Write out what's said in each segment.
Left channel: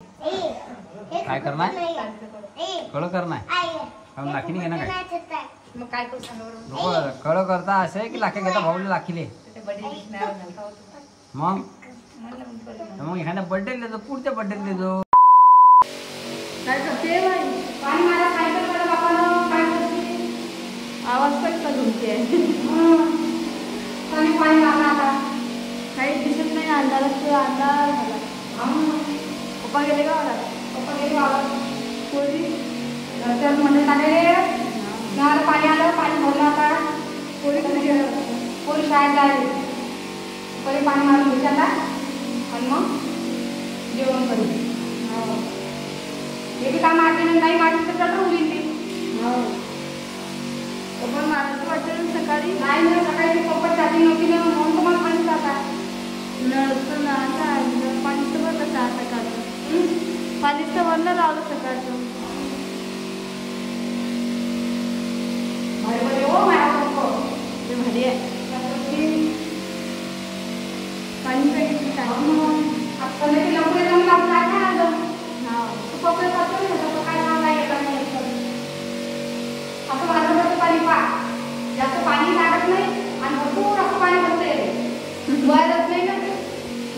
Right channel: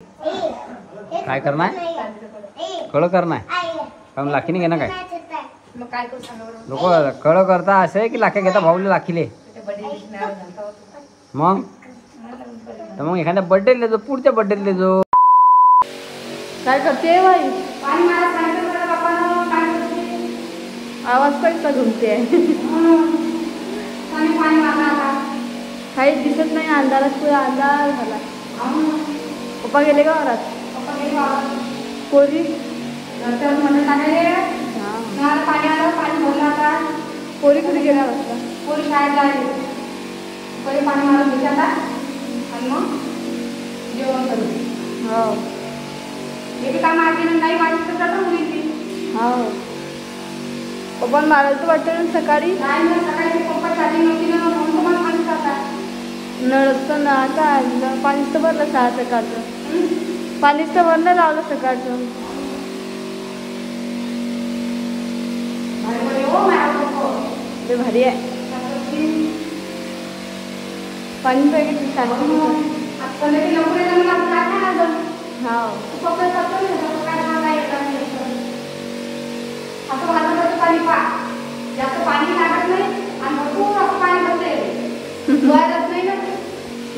काय करणार कळ करणार कारण लाखीने घेणार काय नको कळ करता असं आहे की लाखे घेता भाऊले लाखीले मग तर मग एखाद्या बर्थडे लेजो पुढच्या बर्थडे लेजो काय करते बाई आवाज कसा घुमते काही दिसत नाही अंधारात पुरा अंधार झाला पप्पा गेले का वरात पोरी म्हणत आहे पाणी आलं पाणी भरलं आता पोरी कुठे गेल्या वाटतं पोरी शाळेत आहे पहिले पाणी मारून घेतला आणि मग जेवण करू हो हे काम आधी नाही मारली तर जातं मुलीची हो पप्पा मारायचं वाटतं सकाळी नाही सकाळी पप्पा चाली नव्हती ना म्हणून तुम्हाला पाणी जातात नळचं ना काय पाणीच तर भरलं सकाळचं पाणीच तर भरलं लावलं सकाळचं ते भारी आहे पाणी पाहिजे पाणी जास्त पाणी लागत नाही आणि भरपूर असं पाणी करते नाही ना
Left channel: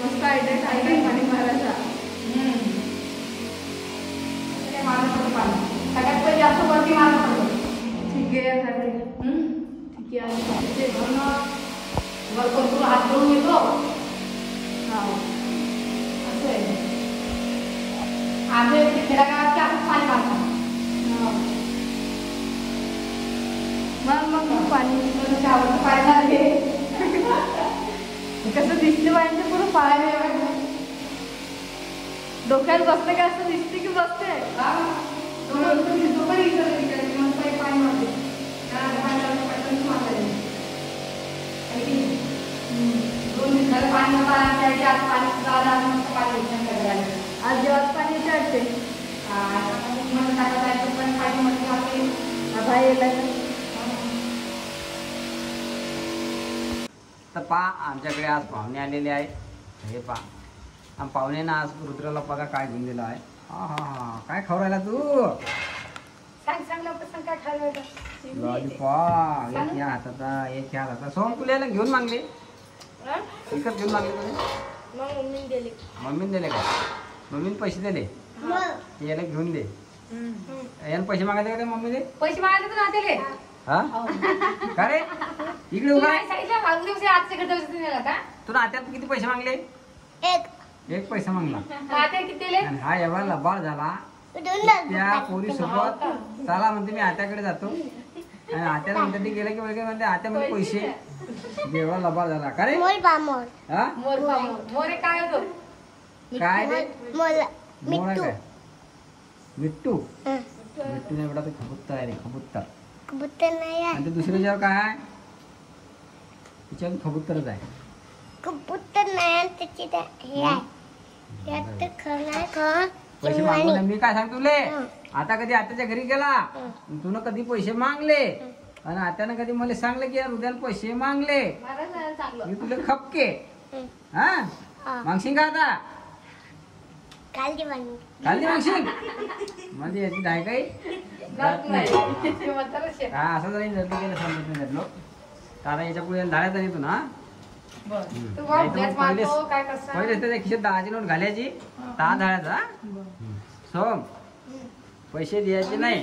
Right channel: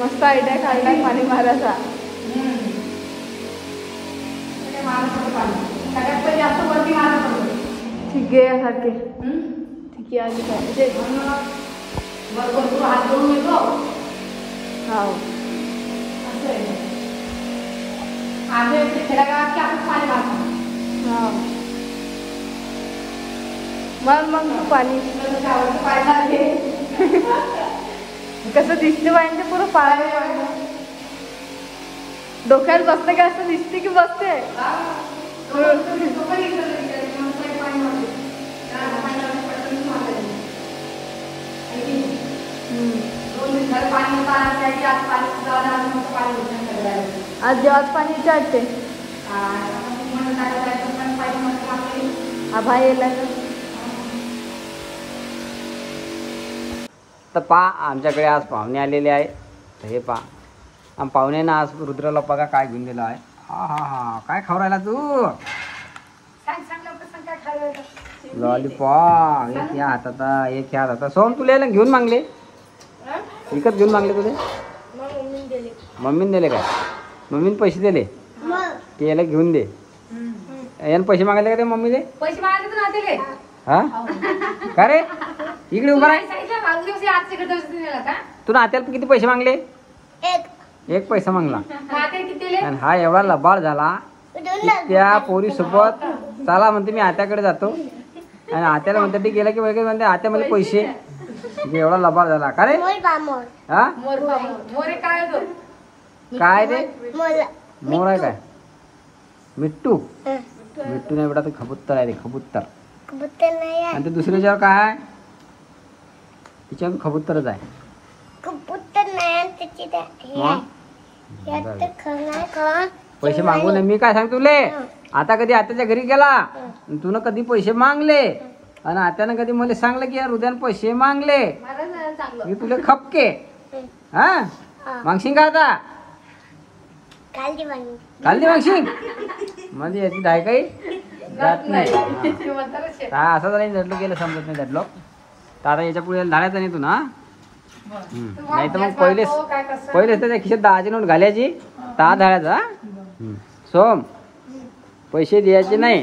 मस्त आयडिया काढला पाणी मारायचा सगळ्यात पहिले जास्त वरती मारायचं ठीक आहे सारखे ठीक आहे आधी पाहिजे हात धुवून येतो हा आम्ही खेड्यागावात की आपण पाणी मारतो हा मग पाणी कसं दिसते पाहिजे पुरं पाणी डोक्यात बसते का असं दिसते की बसते आज जेव्हा पाणी विचारते तर पा आमच्याकडे आज पाहुणे आलेले आहे हे पा पाहुण्यानं आज रुद्राला बघा काय घेऊन दिलं आहे हा हा हा काय खाऊ राहिला तू लॉलीपॉप एक ह्या हातात एक ह्या हातात सोम तुला यायला घेऊन मागले विकत घेऊन मागले तुझे मम्मीने दिले काय मम्मीने पैसे दिले ते याला घेऊन दे यानं पैसे मागायले का ते मम्मी दे पैसे मागायचे हा का रे इकडे उभा तू नात्याला किती पैसे मागले एक पैसा मागला आणि हा एवढा लबाड झाला त्या पोरी सोबत चला म्हणते मी आत्याकडे जातो आणि आत्याला म्हणते ते गेला की वगैरे म्हणते आत्या मध्ये पैसे एवढा लबाड झाला का रे हा काय रे मोर आहे काय मिट्टू मिट्टू नाही बेटा ते खबुत्तर आहे रे खबुत्तर आणि ते दुसऱ्याच्यावर काय आहे तिच्यावर खबुत्तरच आहे पैसे मागू नये मी काय सांगतो तुले आता कधी आत्याच्या घरी गेला तुला कधी पैसे मागले आणि आत्यानं कधी मला सांगलं की यार उद्यान पैसे मागले मी तुला खपके हा मागशील का आता काल मागशील म्हणजे याची डाय काही जात नाही हा असं जरी झटलो गेलं समजत नाही झटलो तर आता याच्या पुढे धाडायचं नाही तू ना नाही तर मग पहिले त्याच्या खिशात 10ची नोट घालायची 10 धाडायचा सोम पैसे द्यायचे नाही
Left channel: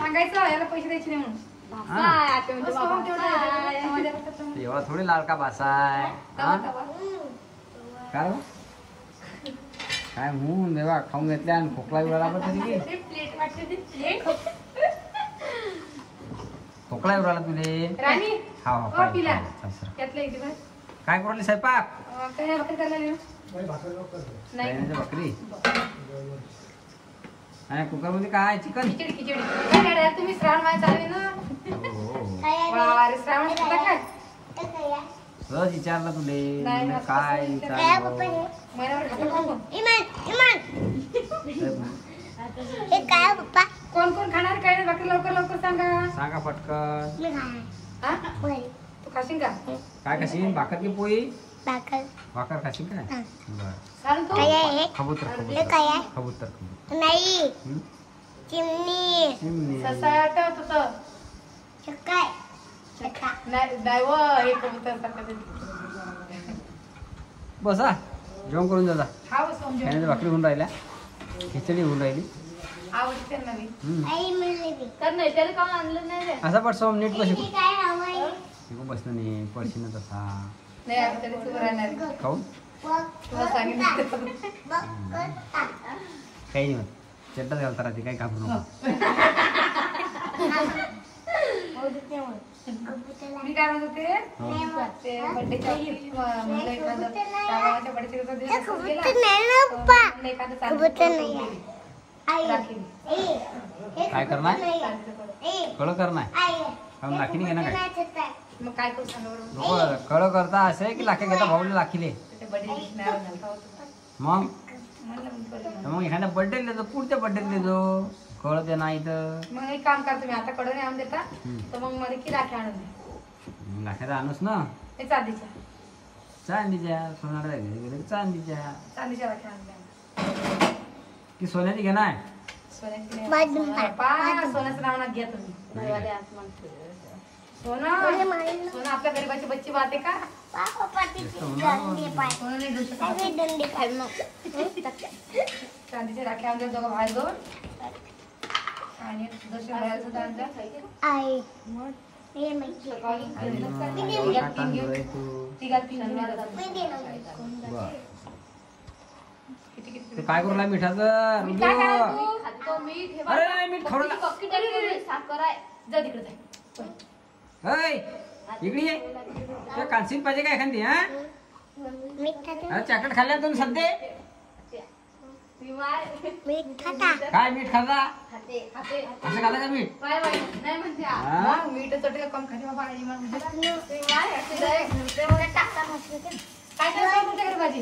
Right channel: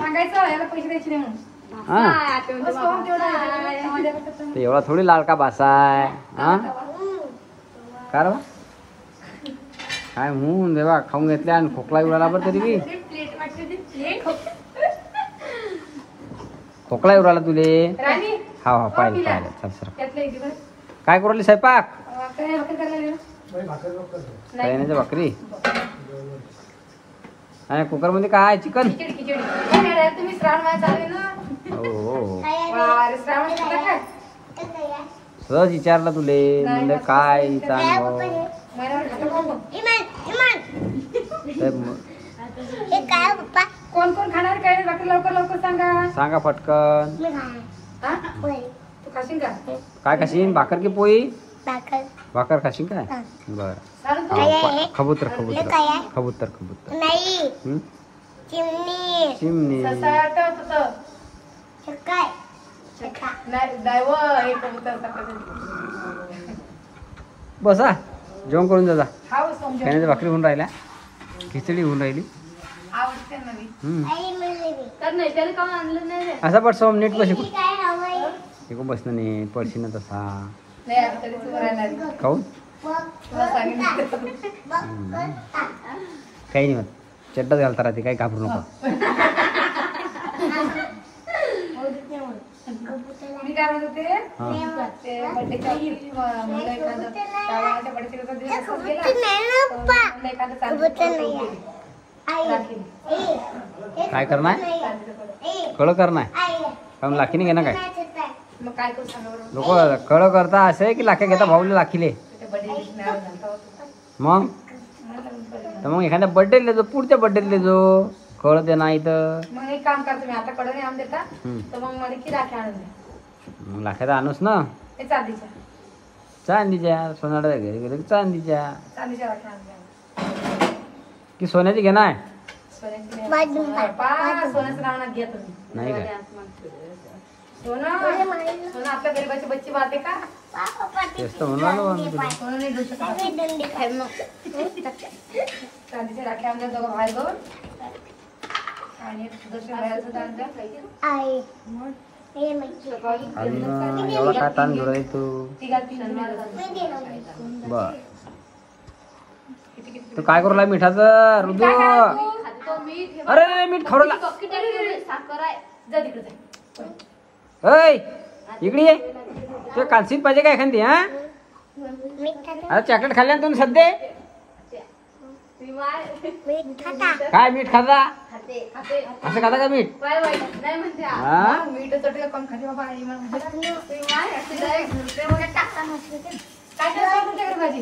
एवढा थोडी लाडका भासाय हा कारण काय म्हणून देवा खाऊन घेतले आणि खोकला उडाला बरं तरी खोकला उडाला तुले हा हा पाहिजे काय करू स्वयंपाक भाकरी आणि कुकर मध्ये काय चिकन सहज विचारलं तुले म्हणजे काय कोण कोण खाणार काय बाकी लवकर लवकर सांगा पटकन तू खाशील का काय खाशील भाकर की पोळी भाकर खाशील काय बर कबूतर कबूतर कबूतर कबूतर हं? चिमणी बसा जेवण करून जा खाण्याच्या भाकरी होऊन राहिल्या खिचडी होऊन राहिली असा पड सोम नीट बस शिकून बसणं नाही पडशी ना तसा खाऊन काही नाही होत चड्डाच घालता राहते काही घाबरू नको मी काय म्हणत होते बर्थडेच्या काय करणार कळ करणार कारण लाखीने घेणार काय मग काय करू सांगा लोक कळ करता असं आहे की लाख्या घेता भाऊले लाखीले मग तर मग एखाद्या बर्थडे लेजो पुढच्या बर्थडे लेजो कळ दे नाही तर मग एक काम करतो मी आता कडे नाही आणून देता तर मग मध्ये की राखी आणून दे मग लाख्याचा आणूस ना ते चांदीच्या सोनाड्या घरी गेले चांदीच्या राखी आणून द्या की सोन्याची घेणार सोन्याचं नाव ना घ्या तुम्ही नाही काय सोनं आपल्या गरीबाची बच्ची बाते का तेच तर म्हणून सोनं नाही घेऊ शकत चांदीच्या राख्या आणल्या दोघं बाहेर दोन आणि दर्शन घालायचं एवढा काय ताण धुरा तू बर तू काय करू लागला मिठाचं रुदू अरे मीठ खवडला अय इकडे ये तू कालसीन पाहिजे काय एखादी हा अरे चॉकलेट खाल्ल्या ना तुम्ही सध्या काय मीठ खाता असं खाता का मीठ मीठ चटका कम खाते बाबा काय तुमच्याकडे भाजी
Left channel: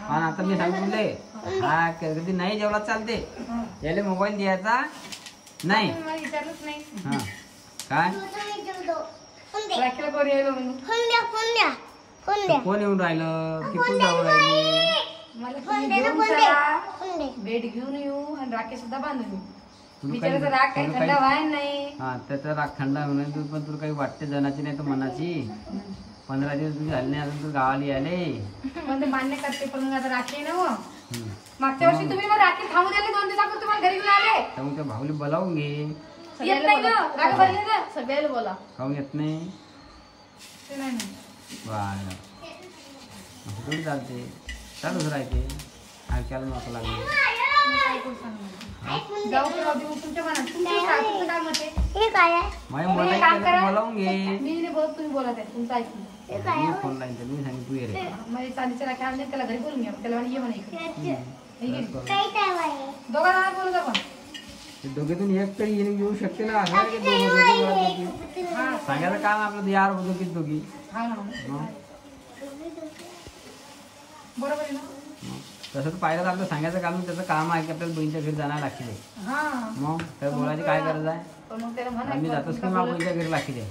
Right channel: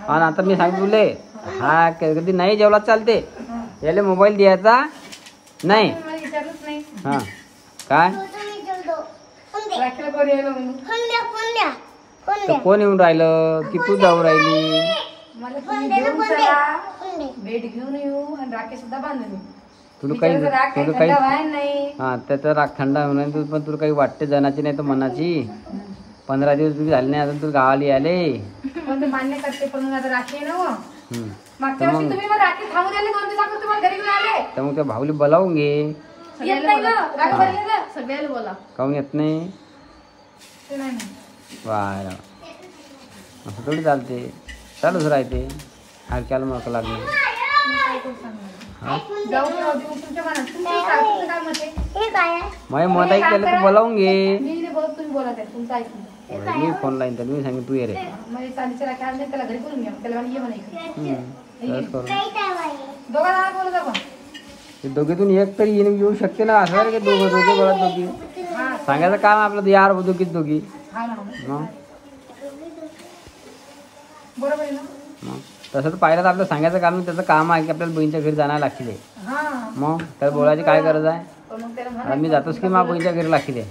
हा आता मी सांगू तुले हा कधी नाही जेवला चालते याले मोबाईल द्यायचा नाही हा काय कोण येऊन राहिलं की तू जाऊ राहिली भेट घेऊन येऊ आणि राखी सुद्धा बांधून येऊ तुला काही हा त्याचा राग थंड होणार पण तुला काही वाटते जनाची नाही तर मनाची 15 दिवस तुझी झाले नाही अजून तू गावाला आले मान्य करते पण आता राखी ना मागच्या वर्षी तुम्ही मग राखी थांबू दिले 2 दिवसापूर्वी तुम्हाला घरी घेऊन आले त्यामुळे त्या भाऊली बोलावून घे सगळ्याला बोला काहून येत नाही वाय असं थोडी चालते चालूच राहते हलक्याला मग लागले माझ्या मनाई केलं तर बोलावून घे मी बोलत आहे तुमचं ऐकून मी फोन लाईन तर मी सांगेन तू ये रे चांदीच्या राख्या आणल्या त्याला घरी बोलून घ्या त्याला ये म्हणायचं ते दोघीतून एक तरी येऊ शकते ना असं की दोघं दोघी सांगायचं काम आपलं यार दोघीत दोघी बरोबर आहे ना तसं तर पाहिलं तर आपलं सांगायचं काम त्याचं काम आहे की आपल्याला बहिणीच्या घरी जाणार लागतील मग तर बोलायची काय गरज आहे मी जातोच की मग बहिणीच्या घरी लागतील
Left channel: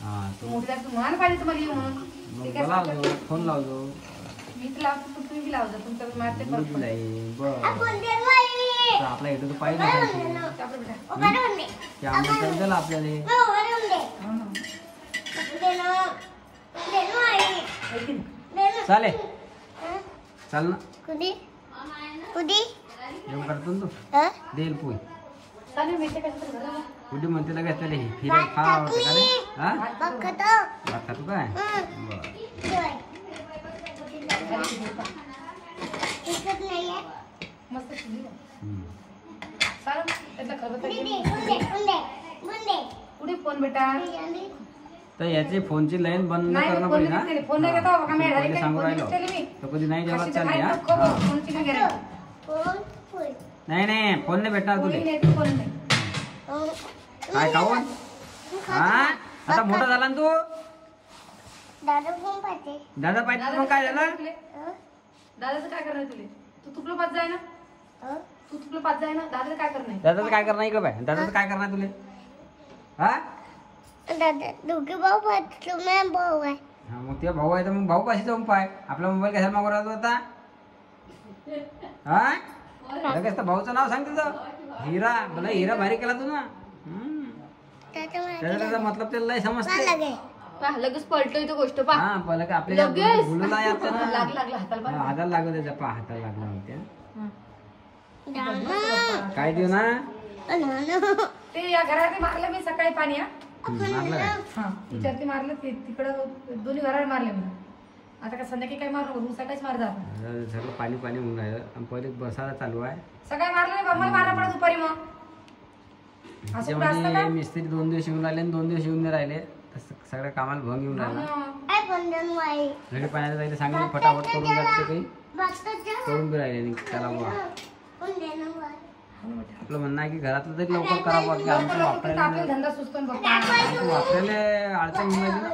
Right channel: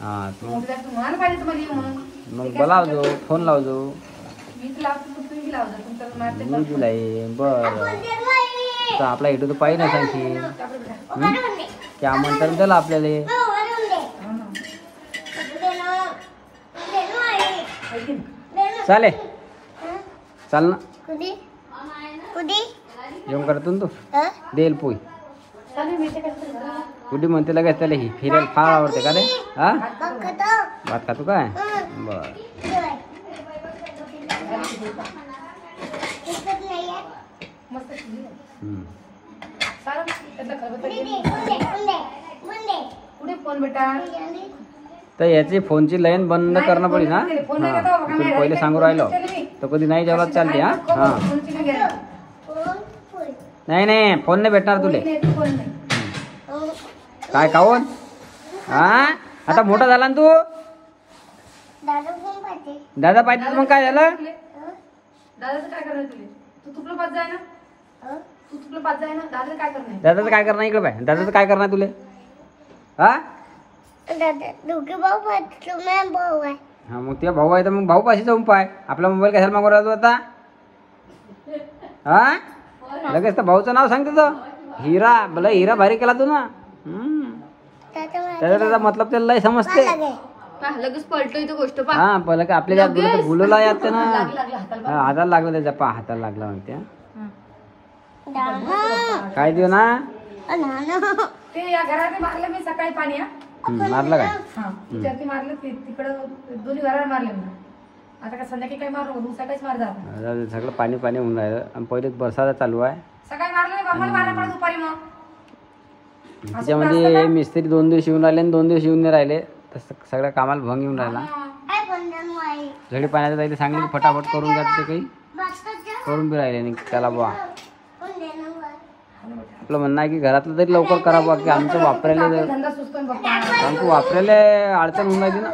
हा मग बोलावजो फोन लावजो मी दिलाय बरं तर आपला इथं तर पाहिजे ना सांगते त्या म्हणतात दिलं आपल्याला चालेल चाल ना जेवण करतो ना तू देईल पोई कुठे म्हणते लगेच त्याला ही फिरायला फार आवडते का रे हा भात खातो काय बर तर याची फोनची लाईन बंद करणं पडेल ना तुम्ही पहिले सांगू राहिलो तर कधी नाही जेवढा चालते हा नाही फोन नाही भेटणार तुले काय खाऊन हा आता मोठा झाला ना तू दादा पाहिजे मग काय झालं? दादाचं काय करणार तुले? तू तुपलं पाच जाय ना, तू तुपलं पाच जाय ना, दादाचं काय करणार? दादाचं काय करणार इकडे पाय, दादाचं काय करणार तुले? हा हा मग तुझा भाऊ आहे तर मग भाऊ पाशी जाऊन पाय. आपला मोबाईल कशाला मागू राहतो आता? हा लगेच तर भाऊचं नाव सांगते तो हिरा. भले हिरा भारी केला तू ना. त्याचा मतलब त्याला लय समजते. लगेच पलटोय तो गोष्ट पा. हा पहिलं काय आपल्या भुलला यायचं ना. हाताला लागलं त्याच्या पा हाताला लागला म्हणते. काय देऊ ना ते या घरात मारलं मी सकाळी पाणी. मारलं काय? विचारते मारलं तिकडं दोन्ही घरावर मारले म्हणा. आता काय संध्याकाळी काय मारू सकाळीच मार जात. सगळं पाणी पाणी होऊन राहिलं आणि पहिले बरसात चालू आहे. सकाळी मारलं नाही बाबा मारला पडत दुपारी मग. त्याच्यामध्ये मिस्त्री 2 दिवस येऊन राहिले आणि 2 दिवस येऊन नाही राहिले तर सगळ्या कामाला भंग येऊन राहिला. झडी पाण्याचं जायला सांगले फटाफट करून द्या. ते काही करून बी राहिले नाही त्याला बुवा. आपलं म्हणणं आहे की घरातलं तरी लवकर करा बुवा की आमचं वापरायला अडचण होऊन राहिली ना.